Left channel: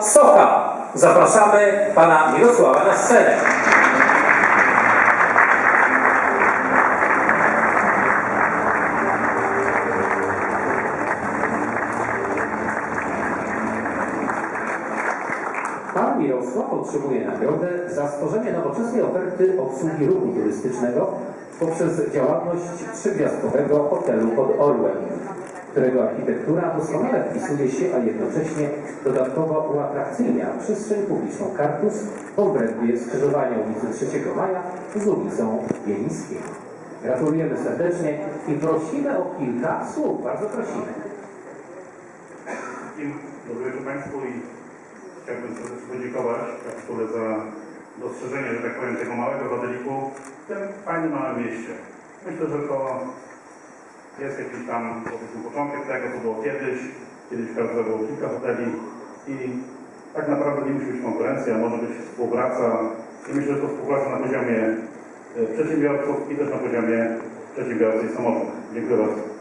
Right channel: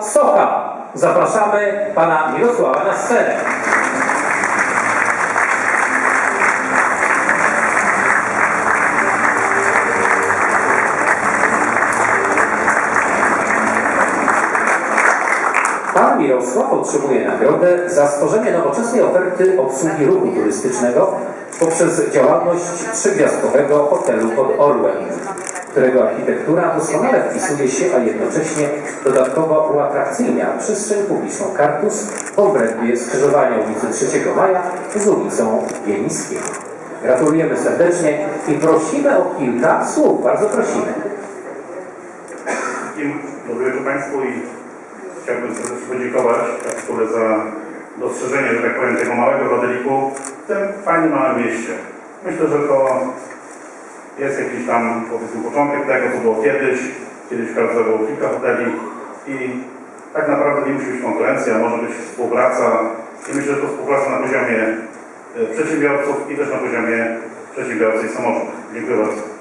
Socha. Zapraszamy pana Mirosława na scenę. Pan Mirosław otrzymuje nagrodę za stworzenie nowoczesnej oferty obsługi ruchu turystycznego poprzez działalność trzygwiazdkowego hotelu pod Orłem, którego architektura doskonale wpisuje się, a jednocześnie dodatkowo uatrakcyjnia przestrzeń publiczną Kartus w obrębie skrzyżowania ulicy 3 Maja z ulicą Wielińską. Gratulujemy serdecznie i prosimy o kilka słów. Bardzo prosimy. Dobry wieczór Państwu i chciałbym serdecznie podziękować Kapitule za dostrzeżenie, że tak powiem, tego małego rodeliku w tym fajnym małym mieście. Myślę, że to jest jakiś tam powiedzmy początek tego, co było kiedyś. Kiedyś Karlsruhe było kilka hoteli i tak naprawdę nie musi być konkurencja, może być współpraca i myślę, że to współpraca na poziomie e, przedsiębiorców i też na poziomie przedsiębiorcy i samorządu. Dziękuję bardzo.